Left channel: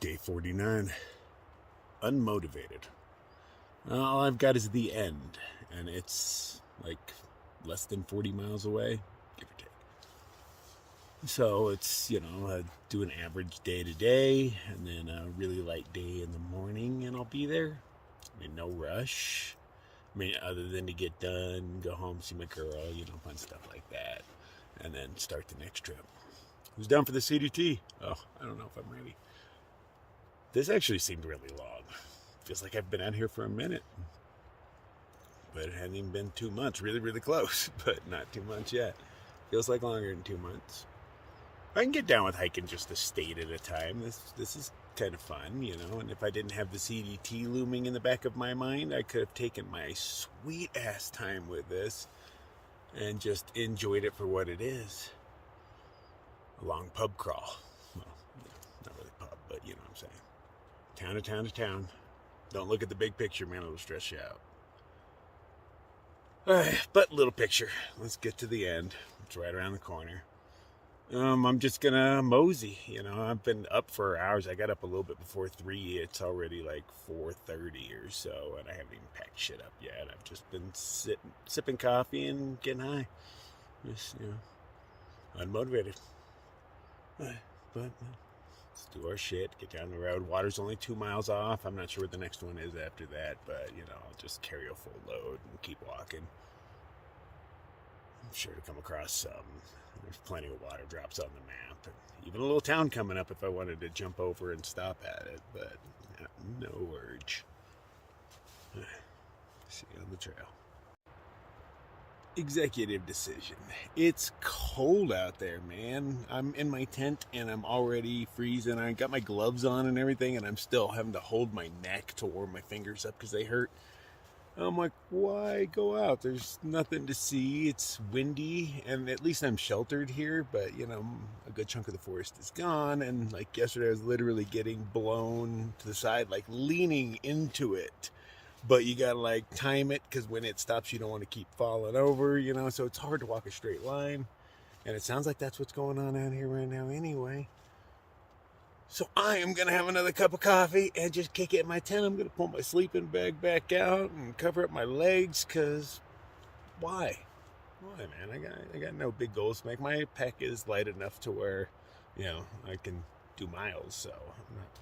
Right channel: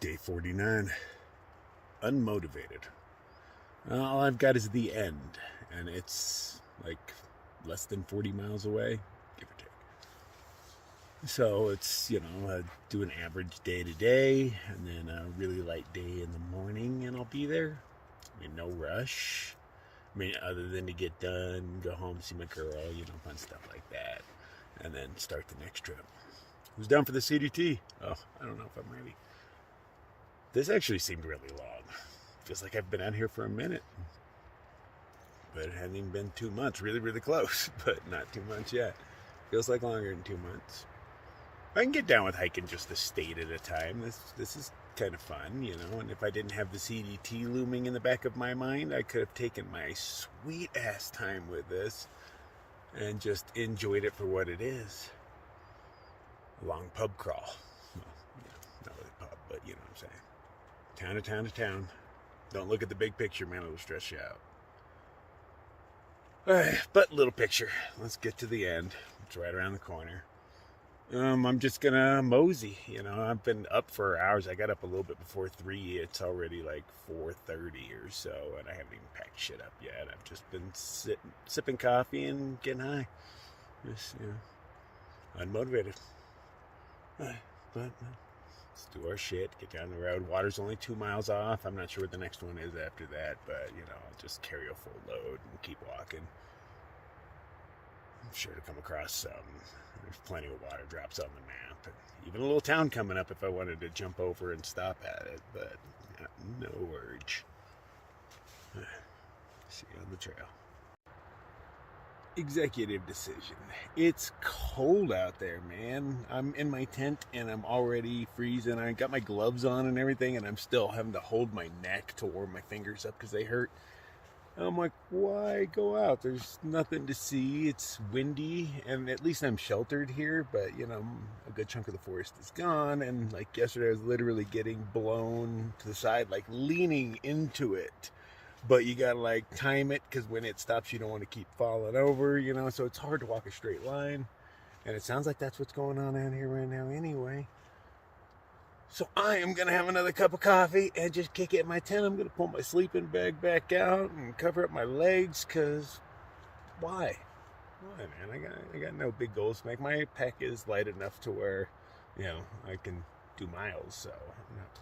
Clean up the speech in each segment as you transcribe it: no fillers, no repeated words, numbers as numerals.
Day 49. Unmotivated. All I've got is the end, and it's like less than 40 miles away, give or take. So it's, do an average day to day, and then a really light day in the morning, and I'll be there. No rush. Other than to get done, go home, see my girl, fun stuff like that, and then start the next trip. Who's down for the CDT? Oh, I don't know if I'm ready. This actually seemed really long. Feels like I've been out here for a minute. But it hasn't even been 2 months. Really, really close, but not 2 months yet. Feels like longer than 2 months. I can get down with hiking just a state at a time. This is kind of fun, and if I didn't have the CDT looming in the back of my mind, I could have taken my sweet ass time with this and just enjoyed it for what it is. A long pub crawl. Well, not really pub, but you know what I'm saying. Town to town to town. Don't look at the big picture, man. It'll stress you out. Alright, but little picture. Let's get to the end. It's right around the corner. I'm just gonna mosey. I've been up for hours. I got up a little bit before 3. It's already like 4:30 or so, and I haven't even packed shit up yet. I've just been sipping coffee and getting high. Just, unmotivated. But let's do our shit, get down the road. Water's only 2 miles off. I'm not sure what the next one is after that, but, I'll just carry a full load and keep walking. I'm sure to come across some. There's plenty of water drops on the map. And even a little town coming up if I wanted to jump over and stop at it, but no urge. See you on the trail. Executive decision. It's cold out there, man. I'm in my tent and I'm already freezing. I got my gloves on and everything, and I'm still having to hold my neck to warm my fingers up because they hurt. I'm like, why go out? There's nothing to see. It's windy, and at least I'm sheltered here, but a good chunk of the forest is gone, and like yesterday I was literally getting blown to the side, like leaning into it. But you gotta time it, because when it stops you don't want to keep falling over, so it's hard to walk a straight line. And it sounds like that's what's going on out here right now anyway. So I am gonna have another cup of coffee and just kick it in my tent. I'm gonna pull my sleeping bag back out and cover up my legs, because why, man? I got no big goals to make. My pack is light enough to where I can do miles, so I'm not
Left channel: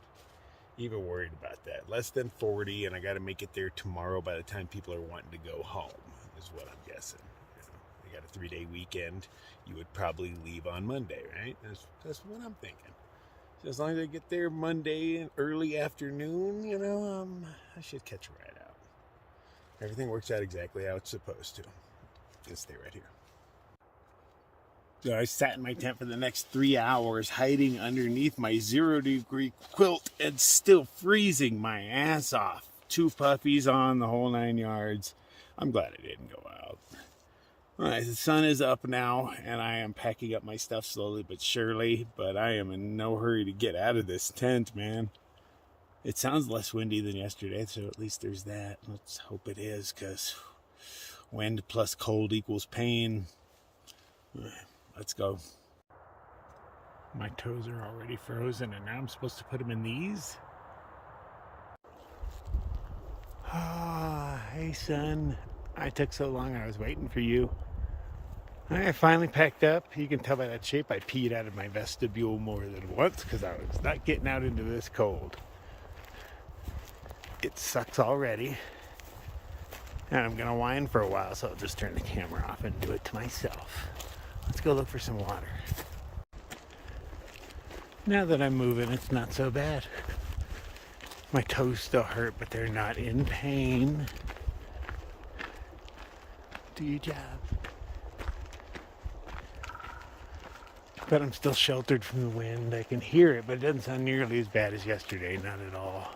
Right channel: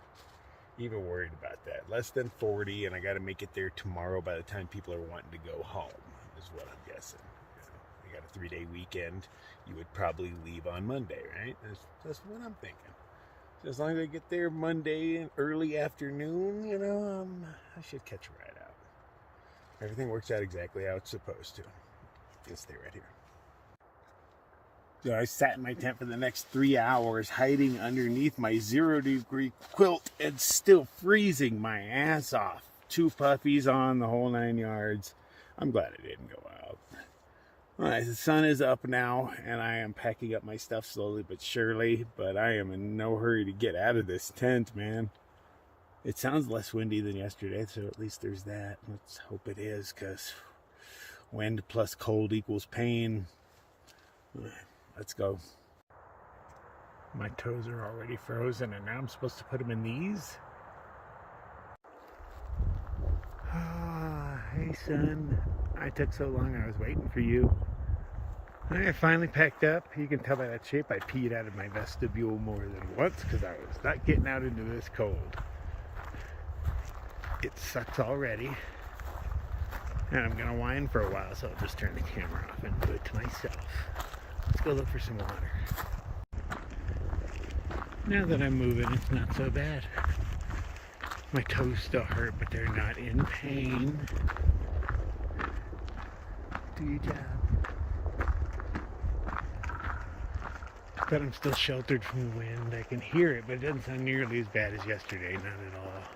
even worried about that. Less than 40, and I got to make it there tomorrow by the time people are wanting to go home, is what I'm guessing. I got a 3-day weekend. You would probably leave on Monday, right? That's what I'm thinking. So as long as I get there Monday in early afternoon, I should catch a ride out. Everything works out exactly how it's supposed to. Just stay right here. So I sat in my tent for the next 3 hours, hiding underneath my 0-degree quilt and still freezing my ass off. 2 puppies on, the whole 9 yards. I'm glad I didn't go out. All right, the sun is up now, and I am packing up my stuff slowly but surely, but I am in no hurry to get out of this tent, man. It sounds less windy than yesterday, so at least there's that. Let's hope it is, because wind plus cold equals pain. Let's go. My toes are already frozen, and now I'm supposed to put them in these? Hey, son. I took so long, I was waiting for you. I finally packed up. You can tell by that shape I peed out of my vestibule more than once because I was not getting out into this cold. It sucks already. And I'm going to whine for a while, so I'll just turn the camera off and do it to myself. Let's go look for some water. Now that I'm moving, it's not so bad. My toes still hurt, but they're not in pain. Do your job. But I'm still sheltered from the wind. I can hear it, but it doesn't sound nearly as bad as yesterday. Not at all.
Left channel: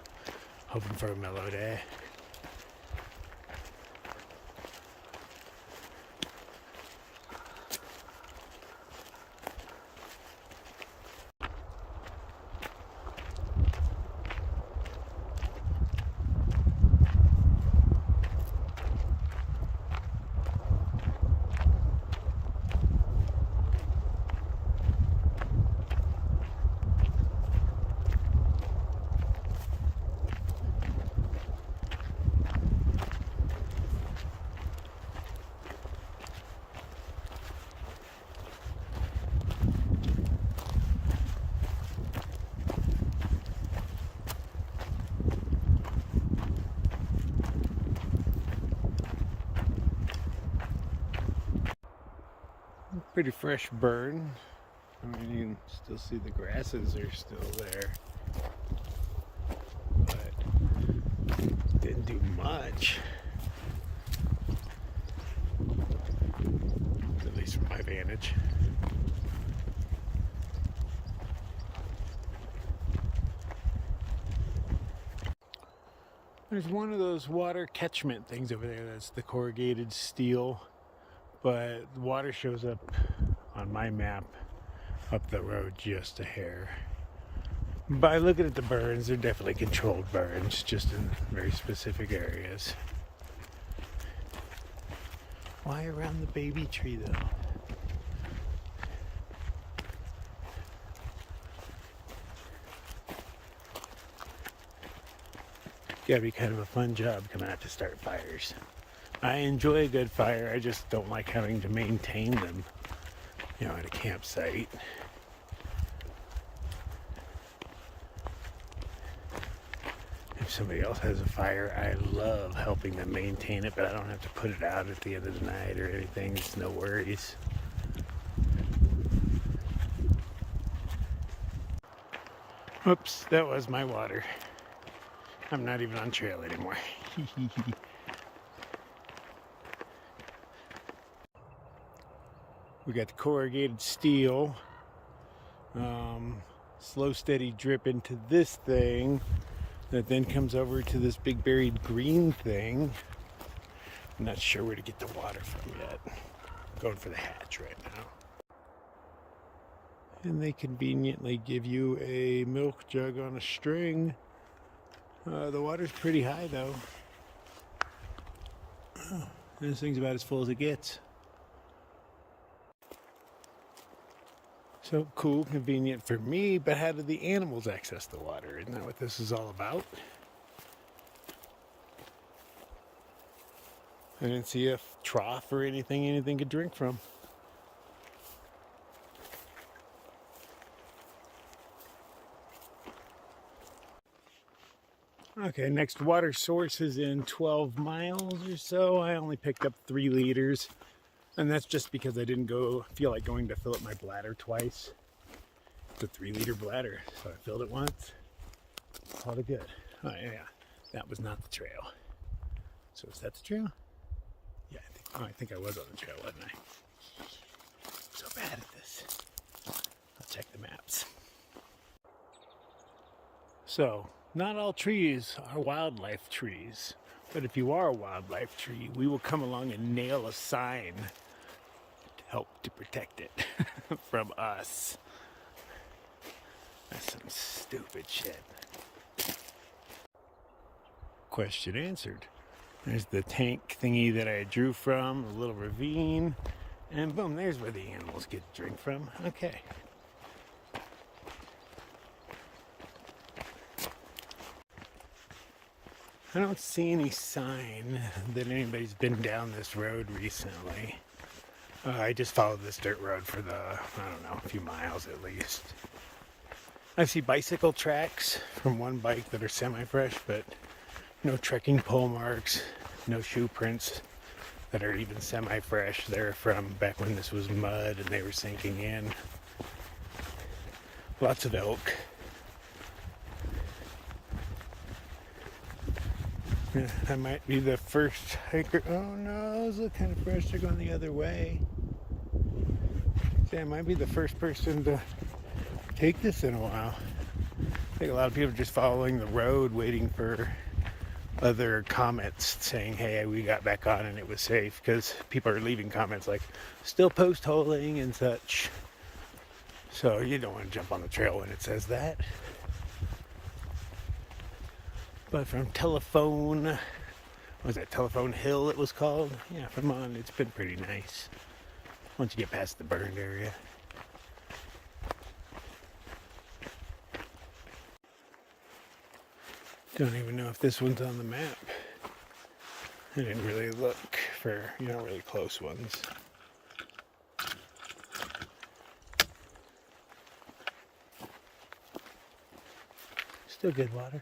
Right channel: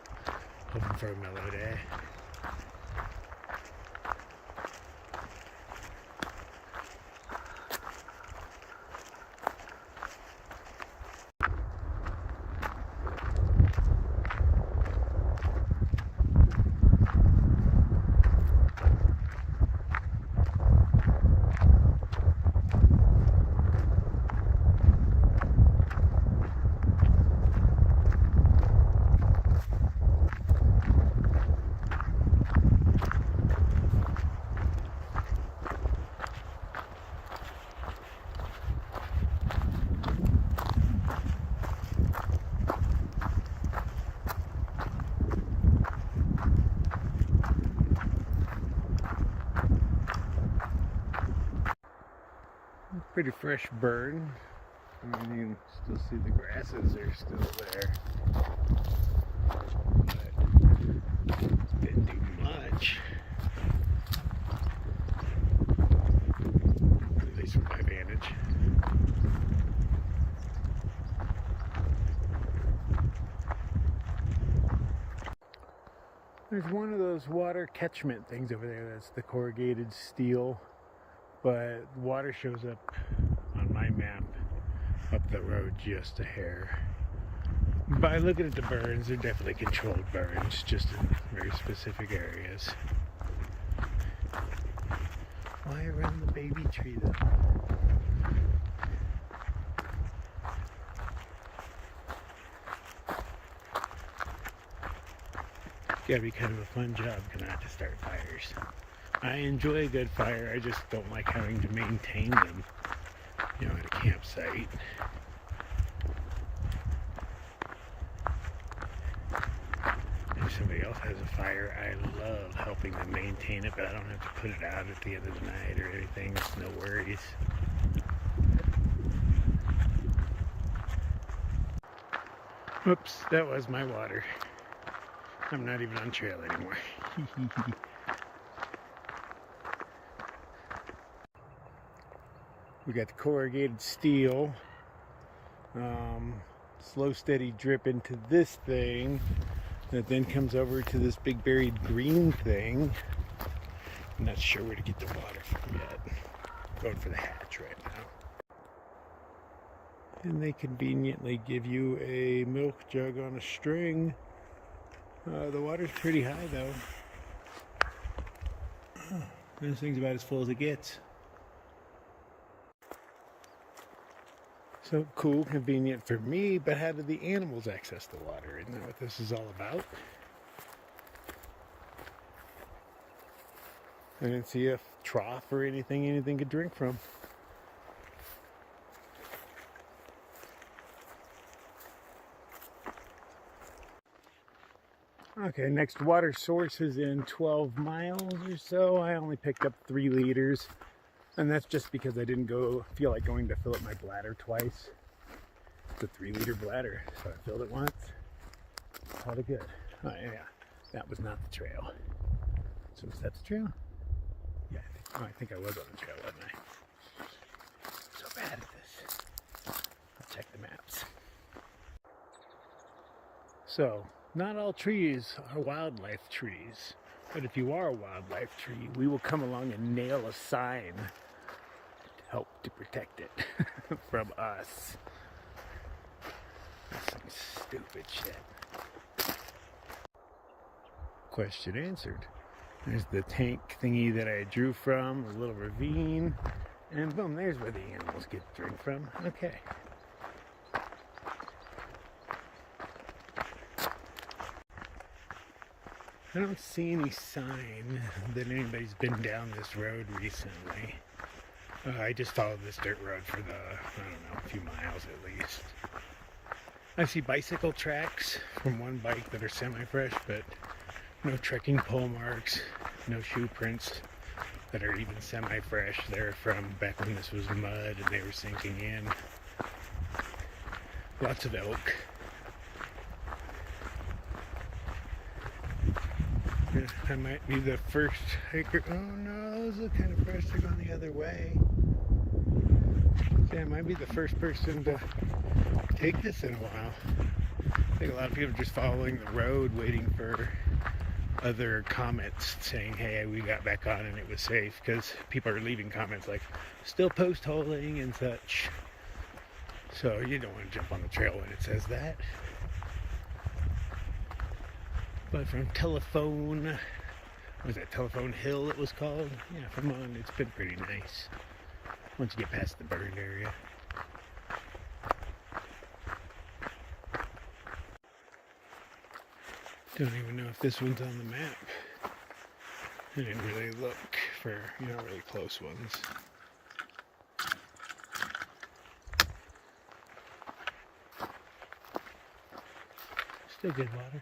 Hoping for a mellow day. Pretty fresh burn. I mean, you can still see the grasses are still there. But didn't do much. At least from my vantage. There's one of those water catchment things over there. That's the corrugated steel. But the water shows up on my map up the road just a hair. By looking at the burns, they're definitely controlled burns, just in very specific areas. Why around the baby tree though? Gotta be kind of a fun job coming out to start fires. I enjoy a good fire, I just don't like having to maintain them, you know, at a campsite. If somebody else has a fire, I love helping them maintain it, but I don't have to put it out at the end of the night or anything. It's no worries. Whoops, that was my water. I'm not even on trail anymore. We got the corrugated steel. Slow, steady drip into this thing that then comes over to this big buried green thing. I'm not sure where to get the water from yet. I'm going for the hatch right now. And they conveniently give you a milk jug on a string. The water's pretty high though. This thing's about as full as it gets. So cool, convenient for me, but how do the animals access the water? Isn't that what this is all about? I didn't see a trough or anything could drink from. Okay, next water source is in 12 miles or so. I only picked up 3 liters. And that's just because I didn't feel like going to fill up my bladder twice. It's a 3-liter bladder, so I filled it once. Called it good. Oh yeah, that was not the trail. So is that the trail? Yeah, I think I was on the trail, wasn't I? So bad at this. I'll check the maps. So, not all trees are wildlife trees. But if you are a wildlife tree, we will come along and nail a sign to help to protect it from us. That's some stupid shit. Question answered. There's the tank thingy that I drew from, a little ravine, and boom, there's where the animals get to drink from. Okay. I don't see any sign that anybody's been down this road recently. I just followed this dirt road for a few miles at least. I see bicycle tracks from one bike that are semi-fresh, but no trekking pole marks, no shoe prints that are even semi-fresh. They're from back when this was mud and they were sinking in. Lots of elk. Yeah, I might be the first hiker. Oh no, those look kind of fresh. They're going the other way. Yeah, I might be the first person to take this in a while. I think a lot of people are just following the road, waiting for other comments saying, hey, we got back on and it was safe. Because people are leaving comments like, still post holing and such. So you don't want to jump on the trail when it says that. But from Telephone Hill it was called? Yeah, from on, it's been pretty nice. Once you get past the burned area. Don't even know if this one's on the map. I didn't really look for, really close ones. Still good water.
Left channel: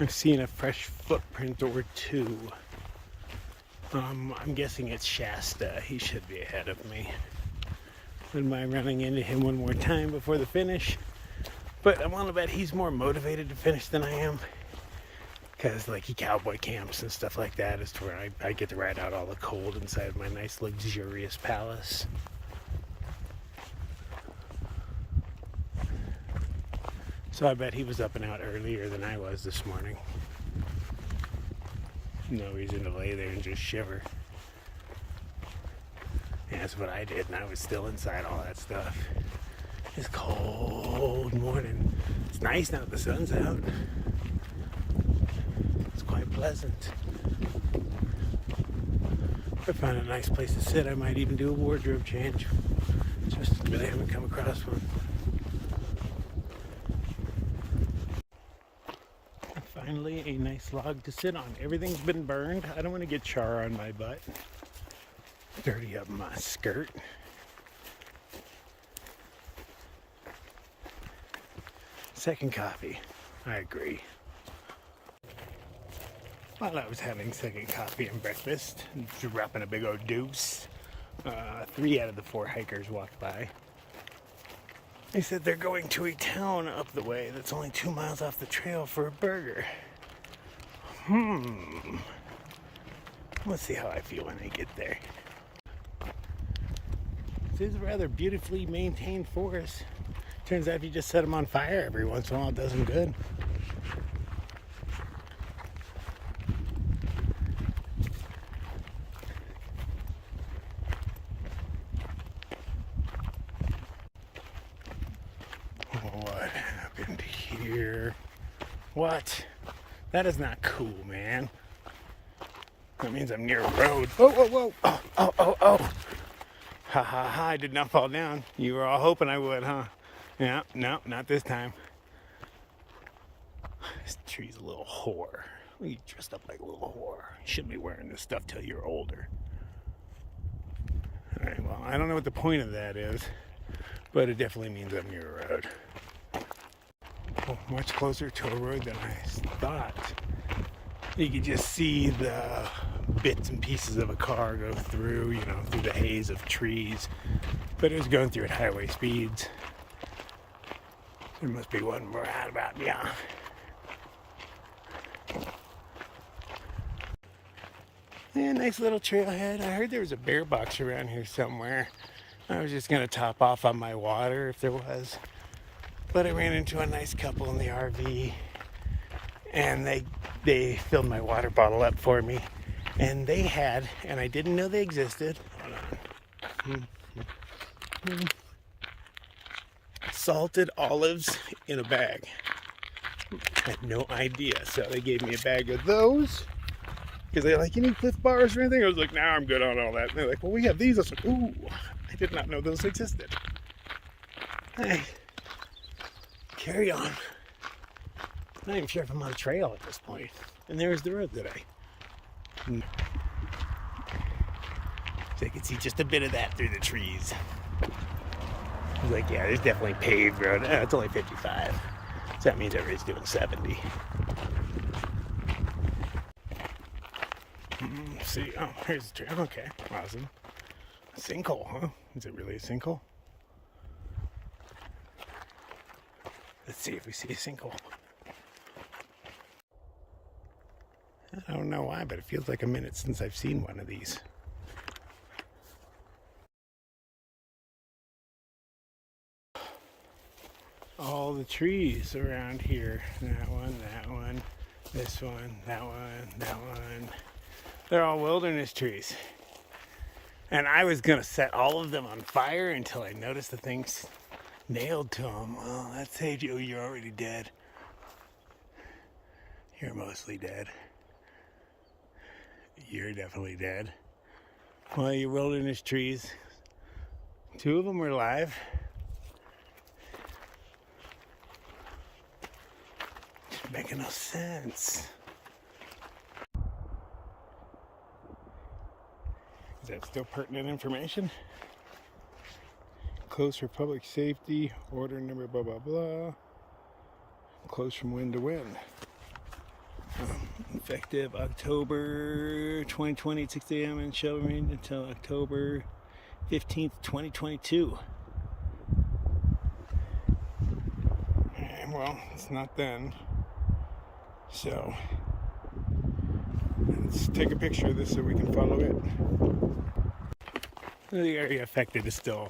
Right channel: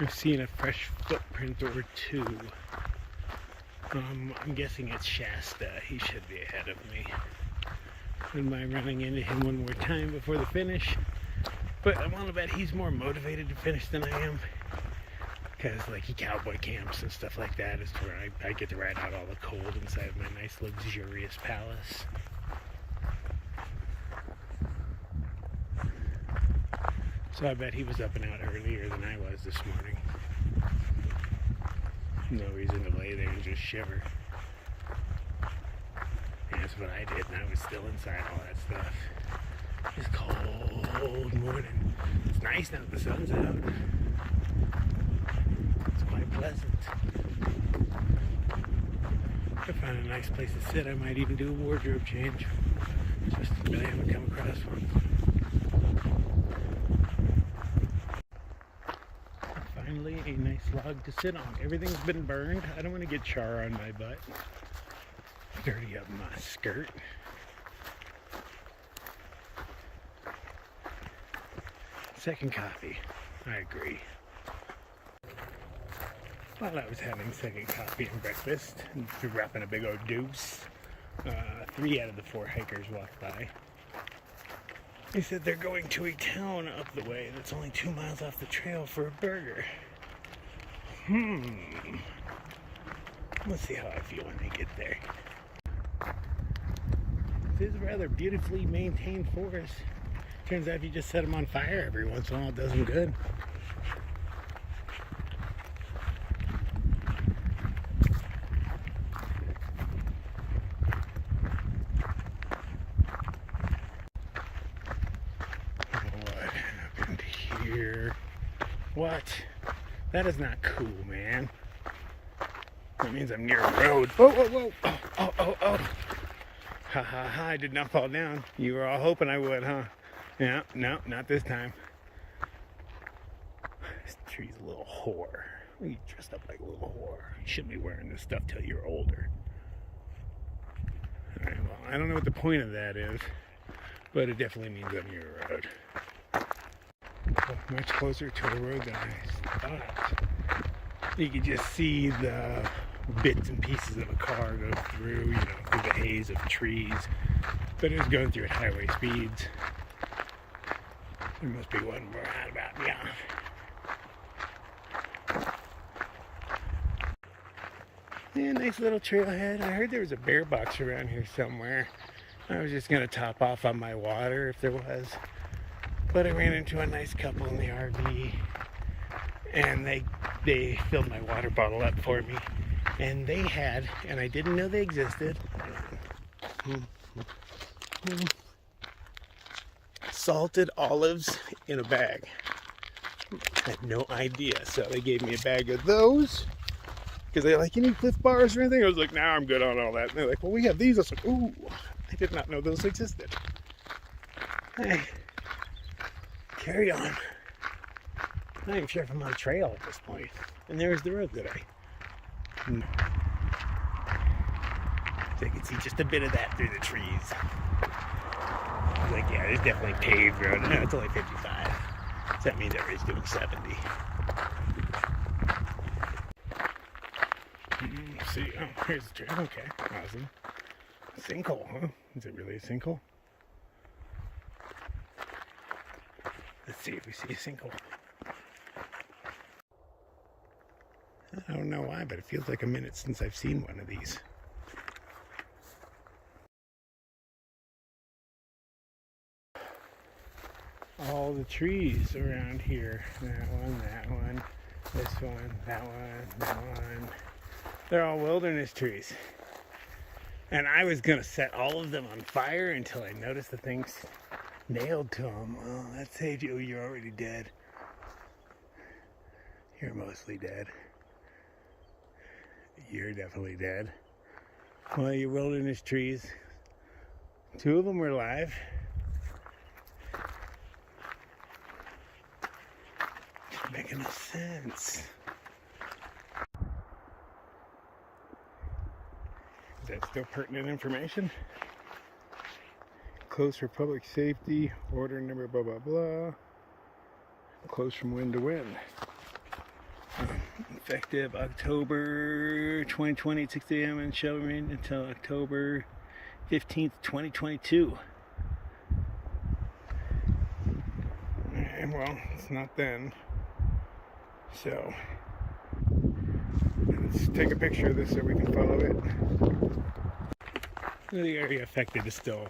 I've seen a fresh footprint or two. I'm guessing it's Shasta. He should be ahead of me. Wouldn't mind running into him one more time before the finish. But I want to bet he's more motivated to finish than I am. Because like he cowboy camps and stuff like that is to where I get to ride out all the cold inside my nice luxurious palace. So I bet he was up and out earlier than I was this morning. No reason to lay there and just shiver. And that's what I did, and I was still inside all that stuff. It's cold morning. It's nice now that the sun's out. It's quite pleasant. If I find a nice place to sit, I might even do a wardrobe change. Just really haven't come across one. Finally, a nice log to sit on. Everything's been burned. I don't want to get char on my butt. Dirty up my skirt. Second coffee. I agree. While I was having second coffee and breakfast, dropping a big old deuce, 3 out of the 4 hikers walked by. They said they're going to a town up the way that's only 2 miles off the trail for a burger. Let's see how I feel when I get there. This is a rather beautifully maintained forest. Turns out if you just set them on fire every once in a while, it does them good. What happened here? What? That is not cool, man. That means I'm near a road. Whoa, whoa, whoa. Oh. Ha ha ha, I did not fall down. You were all hoping I would, huh? Yeah, no, not this time. This tree's a little whore. You dressed up like a little whore. You shouldn't be wearing this stuff till you're older. Alright, well, I don't know what the point of that is, but it definitely means I'm near a road. Oh, much closer to a road than I thought. You could just see the bits and pieces of a car go through, through the haze of trees. But it was going through at highway speeds. There must be one more out about beyond. Yeah, nice little trailhead. I heard there was a bear box around here somewhere. I was just gonna top off on my water if there was. But I ran into a nice couple in the RV, and they filled my water bottle up for me. And they had, and I didn't know they existed, salted olives in a bag. I had no idea, so they gave me a bag of those. Because they're like, you need Cliff Bars or anything? I was like, nah, I'm good on all that. And they're like, well, we have these. I was like, ooh, I did not know those existed. Hey, carry on. I'm not even sure if I'm on a trail at this point. And there's the road that so I can see just a bit of that through the trees. I was like, yeah, there's definitely paved road. It's only 55. So that means everybody's doing 70. See, oh, here's the trail. Okay, awesome. A sinkhole, huh? Is it really a sinkhole? Let's see if we see a sinkhole. I don't know why, but it feels like a minute since I've seen one of these. All the trees around here. That one, this one, that one. They're all wilderness trees. And I was going to set all of them on fire until I noticed the things nailed to them. Well, that saved you. You're already dead. You're mostly dead. You're definitely dead. Well, your wilderness trees, 2 of them were alive. It's making no sense. Is that still pertinent information? Closed for public safety, order number blah blah blah. Closed from wind to wind. Effective October 2020 at 6 a.m. and shall remain until October 15th, 2022. And well, it's not then. So let's take a picture of this so we can follow it. The area affected is still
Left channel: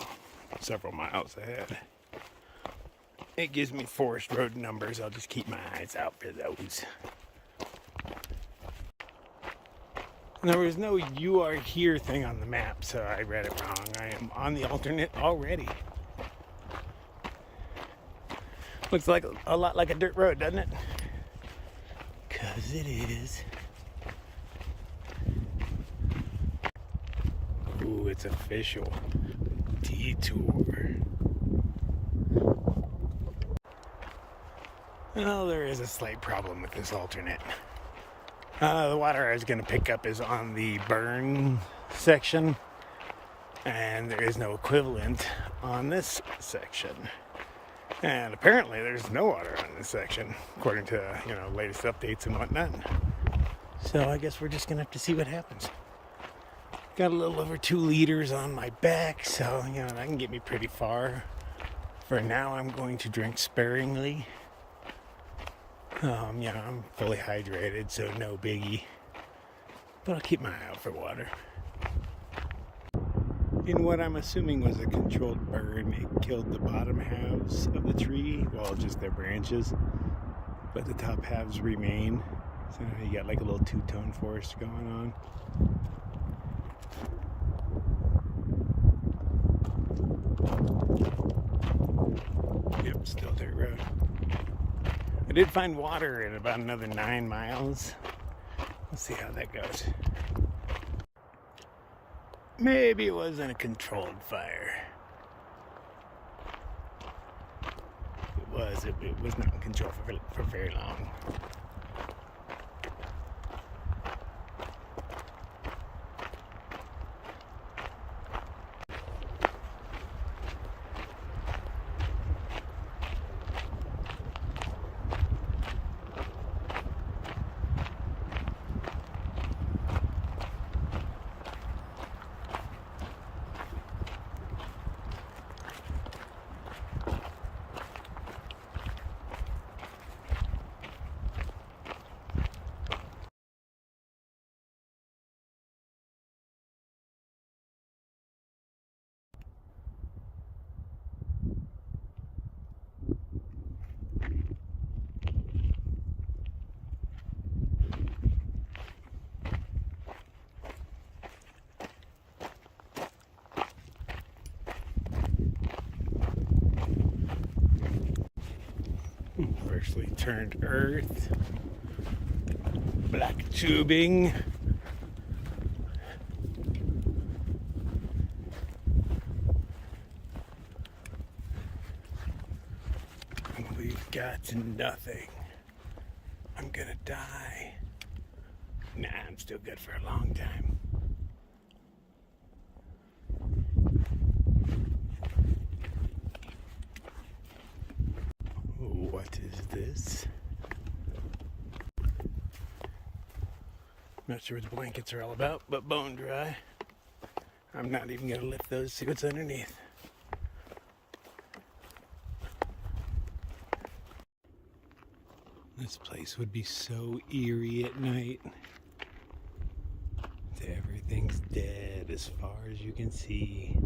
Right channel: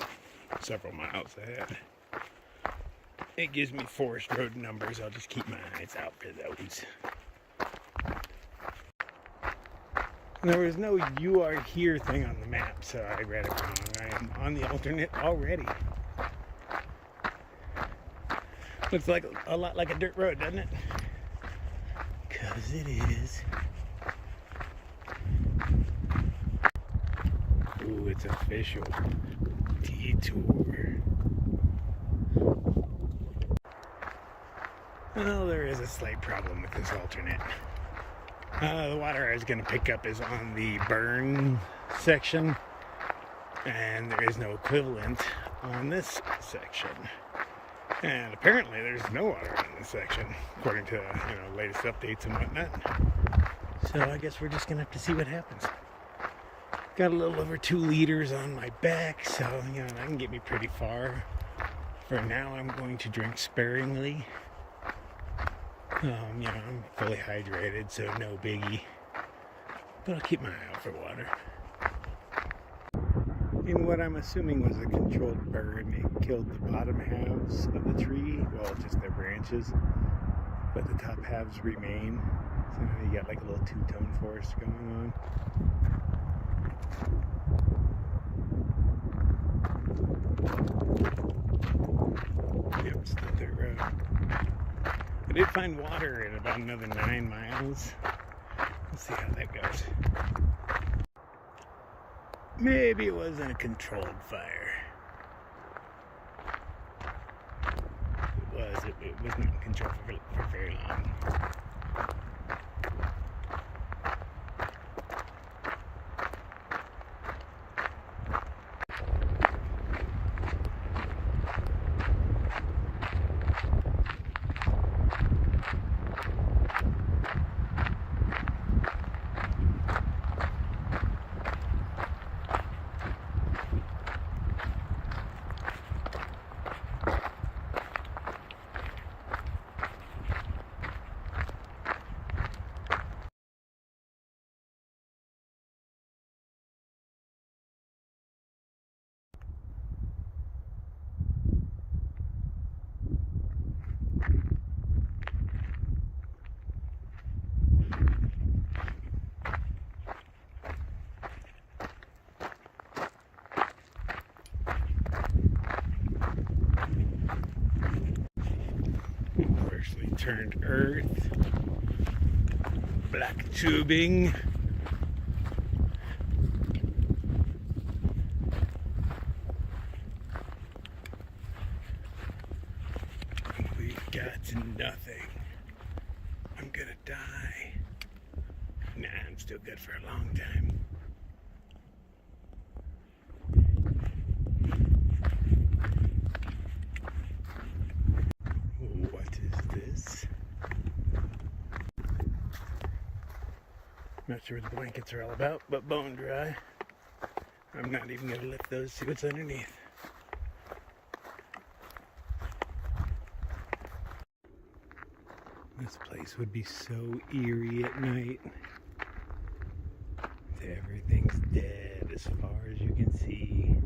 several miles ahead. It gives me forest road numbers. I'll just keep my eyes out for those. There was no "you are here" thing on the map, so I read it wrong. I am on the alternate already. Looks like a lot like a dirt road, doesn't it? 'Cause it is. Ooh, it's official. Detour. Well, there is a slight problem with this alternate. The water I was going to pick up is on the burn section, and there is no equivalent on this section. And apparently there's no water on this section, according to, latest updates and whatnot. So I guess we're just going to have to see what happens. Got a little over 2 liters on my back, so, that can get me pretty far. For now, I'm going to drink sparingly. I'm fully hydrated, so no biggie. But I'll keep my eye out for water. In what I'm assuming was a controlled burn, it killed the bottom halves of the tree, well, just their branches. But the top halves remain. So now you got like a little two-tone forest going on. Yep, still dirt road. I did find water in about another 9 miles. Let's see how that goes. Maybe it wasn't a controlled fire. It was not controlled for very long. Partially turned earth, black tubing. We've got nothing. I'm gonna die. Nah, I'm still good for a long time. What is this? Not sure what the blankets are all about, but bone dry. I'm not even gonna lift those, see what's underneath. This place would be so eerie at night. Everything's dead as far as you can see.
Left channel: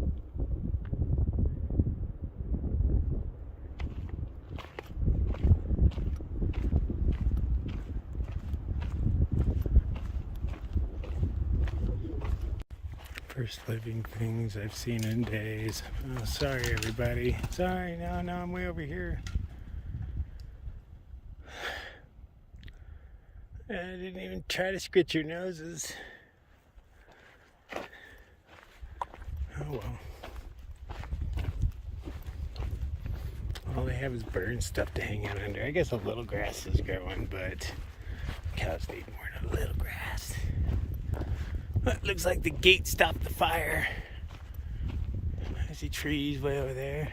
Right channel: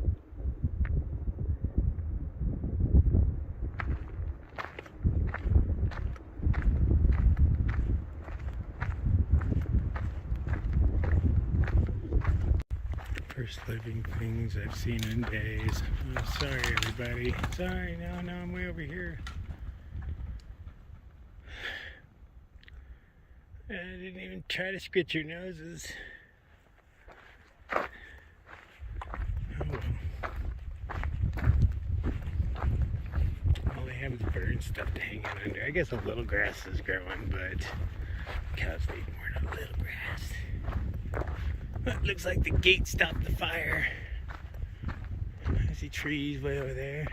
First living things I've seen in days. Oh, sorry everybody. Sorry, no, I'm way over here. I didn't even try to scratch your noses. Oh well. All they have is bird stuff to hang out under. I guess a little grass is growing, but cows need more than a little grass. That looks like the gate stopped the fire. I see trees way over there.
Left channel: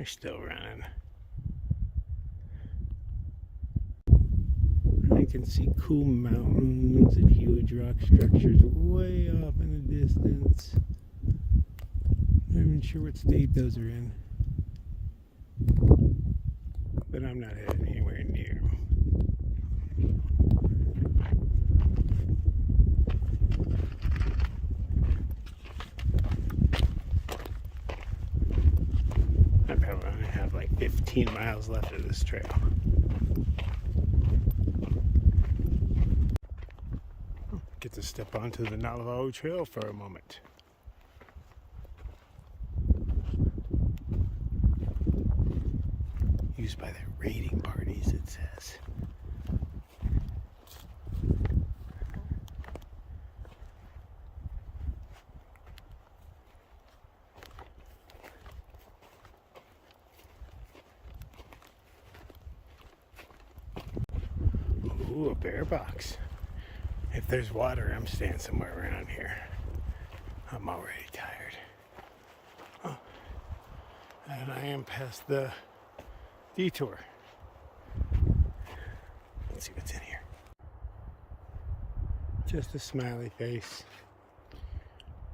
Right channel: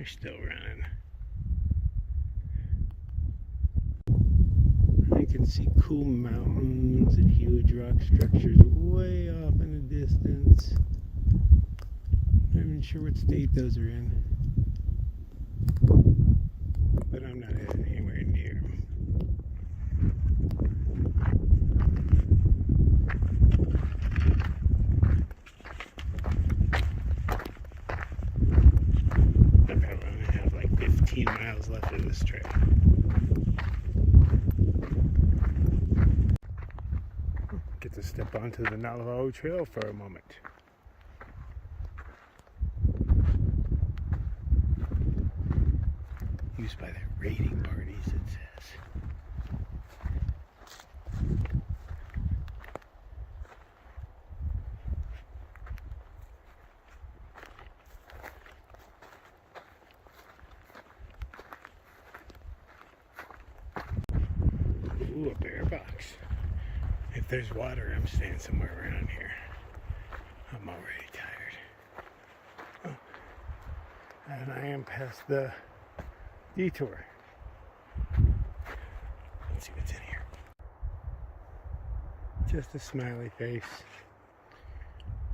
They're still running. I can see cool mountains and huge rock structures way off in the distance. Not even sure what state those are in. But I'm not heading anywhere near them. I probably only have like 15 miles left of this trail. Get to step onto the Navajo Trail for a moment. Used by their raiding parties, it says. Ooh, a bear box. If there's water, I'm staying somewhere around here. I'm already tired. Oh. And I am past the detour. Let's see what's in here. Just a smiley face.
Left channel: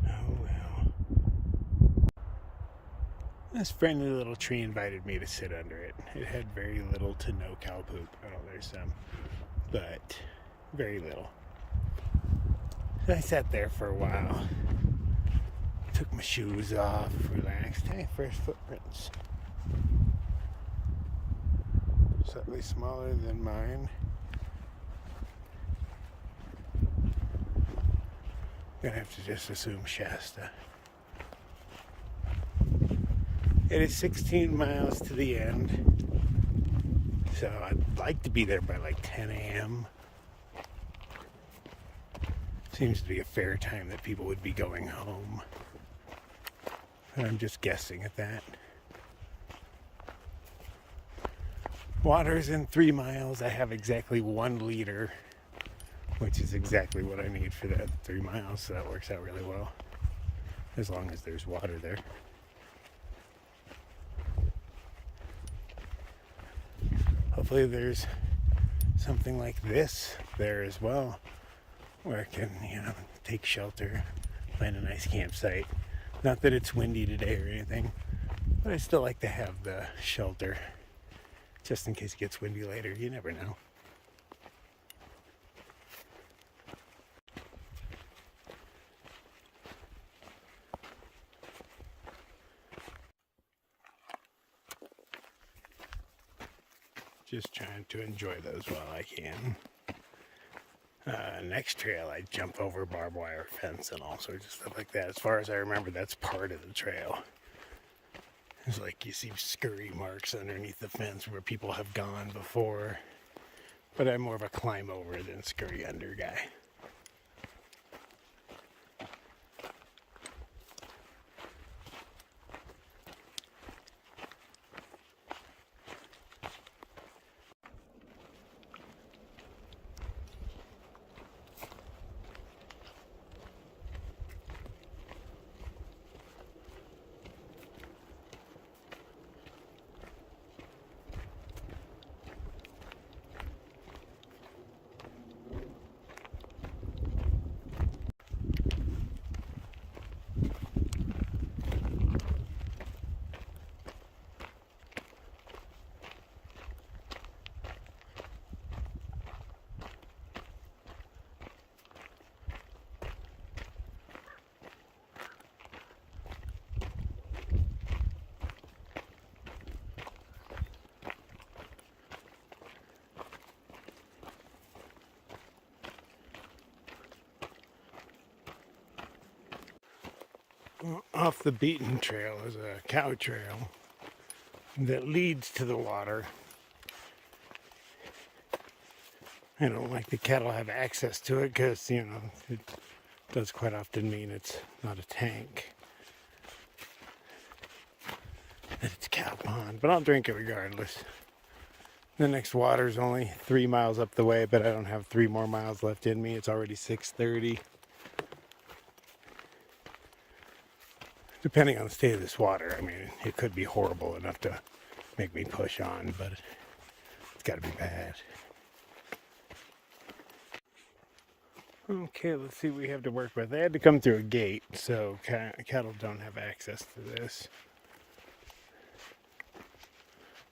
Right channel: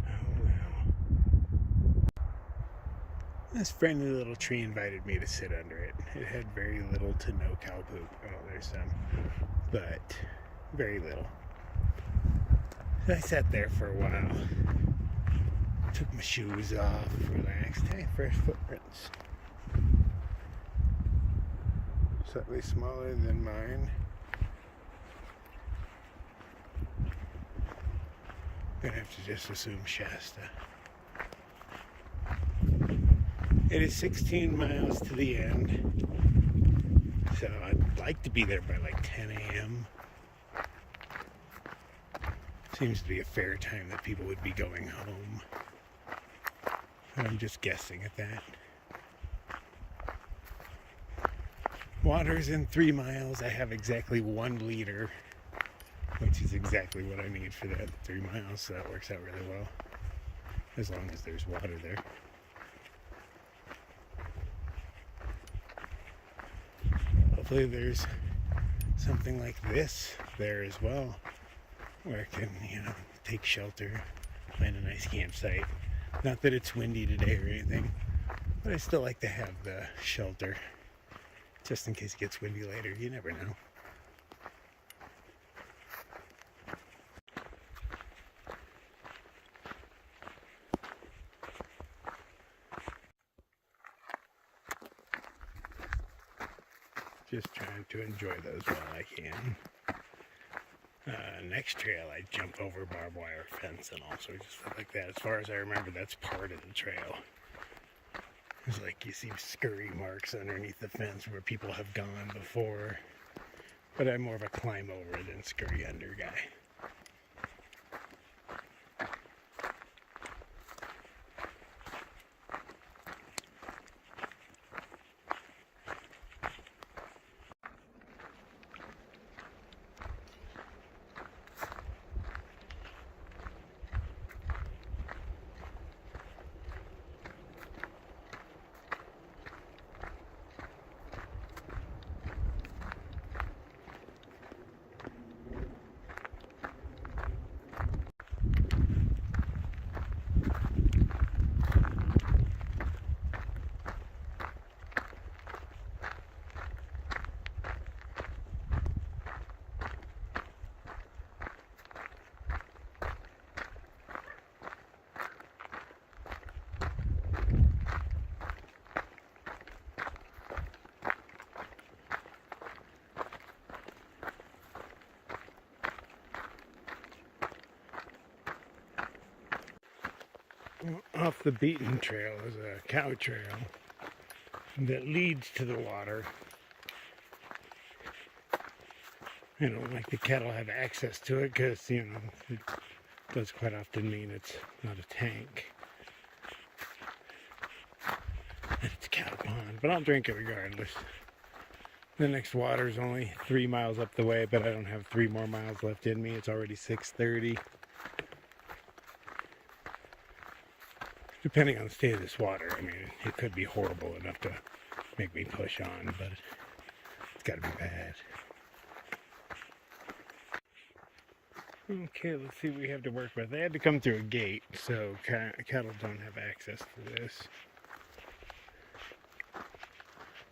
Oh well. This friendly little tree invited me to sit under it. It had very little to no cow poop. Oh, there's some. But very little. I sat there for a while. Took my shoes off, relaxed. Hey, fresh footprints. Slightly smaller than mine. Gonna have to just assume Shasta. It is 16 miles to the end. So I'd like to be there by like 10 a.m. Seems to be a fair time that people would be going home. I'm just guessing at that. Water's in 3 miles. I have exactly 1 liter, which is exactly what I need for that 3 miles, so that works out really well. As long as there's water there. Hopefully there's something like this there as well, where I can, take shelter, find a nice campsite. Not that it's windy today or anything, but I still like to have the shelter, just in case it gets windy later. You never know. Just trying to enjoy those while I can. Next trail, I jump over barbed wire fence and all sorts of stuff like that. As far as I remember, that's part of the trail. It's like you see scurry marks underneath the fence where people have gone before. But I'm more of a climb over than scurry under guy. Off the beaten trail is a cow trail that leads to the water. I don't like the cattle have access to it because, it does quite often mean it's not a tank. It's a cow pond, but I'll drink it regardless. The next water is only 3 miles up the way, but I don't have 3 more miles left in me. It's already 6:30. Depending on the state of this water, I mean, it could be horrible enough to make me push on, but it's got to be bad. Okay, let's see what we have to work with. I had to come through a gate, so cattle don't have access to this.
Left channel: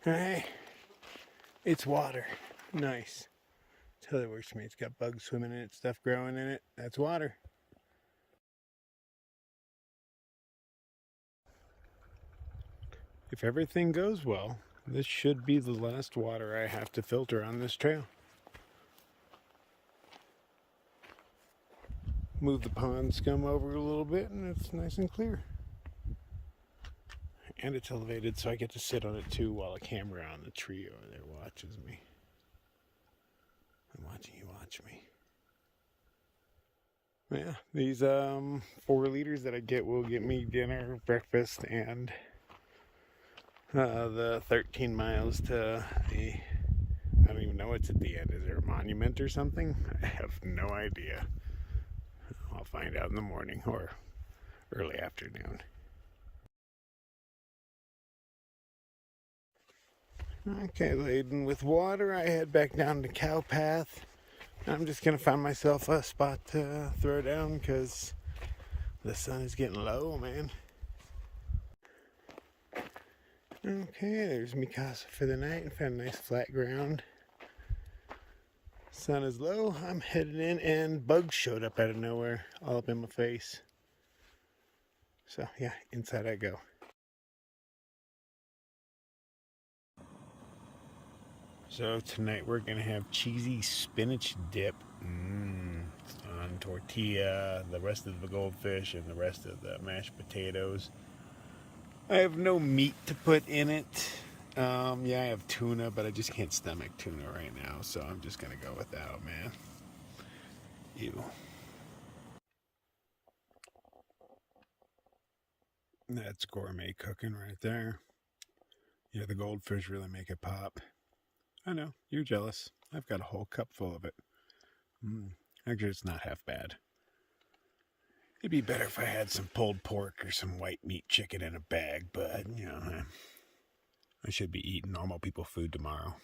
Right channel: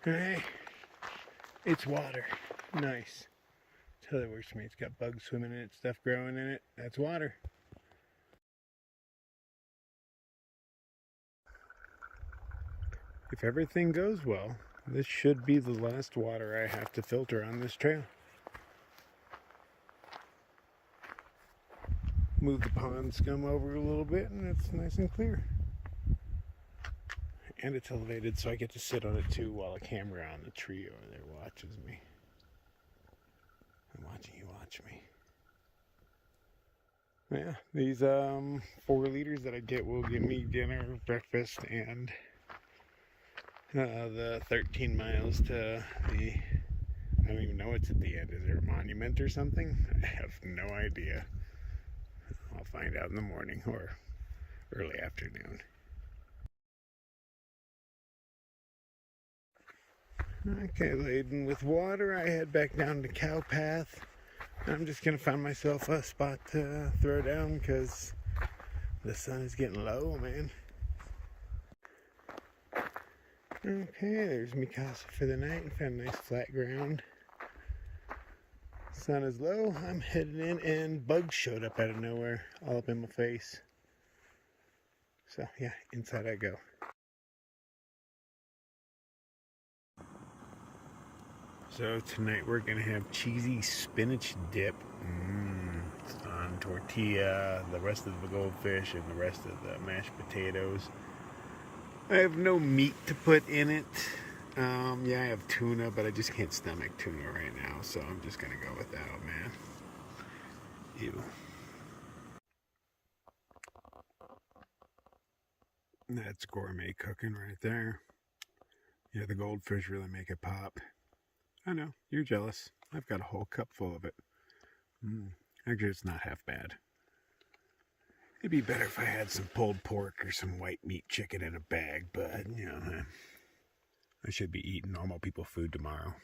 Alright, it's water. Nice. That's how that works for me. It's got bugs swimming in it, stuff growing in it. That's water. If everything goes well, this should be the last water I have to filter on this trail. Move the pond scum over a little bit and it's nice and clear. And it's elevated so I get to sit on it too while a camera on the tree over there watches me. I'm watching you watch me. Yeah, these 4 liters that I get will get me dinner, breakfast, and the 13 miles to the, I don't even know what's at the end. Is there a monument or something? I have no idea. I'll find out in the morning or early afternoon. Okay, laden with water, I head back down the cow path. I'm just gonna find myself a spot to throw down because the sun is getting low, man. Okay, there's me casa for the night. Found nice flat ground. Sun is low. I'm heading in, and bugs showed up out of nowhere, all up in my face. So yeah, inside I go. So tonight we're gonna have cheesy spinach dip on tortilla, the rest of the goldfish, and the rest of the mashed potatoes. I have no meat to put in it. Yeah, I have tuna, but I just can't stomach tuna right now, so I'm just gonna go without, man. Ew. That's gourmet cooking right there. Yeah, the goldfish really make it pop. I know, you're jealous. I've got a whole cup full of it. Actually, it's not half bad. It'd be better if I had some pulled pork or some white meat chicken in a bag, but, you know, I should be eating normal people food tomorrow.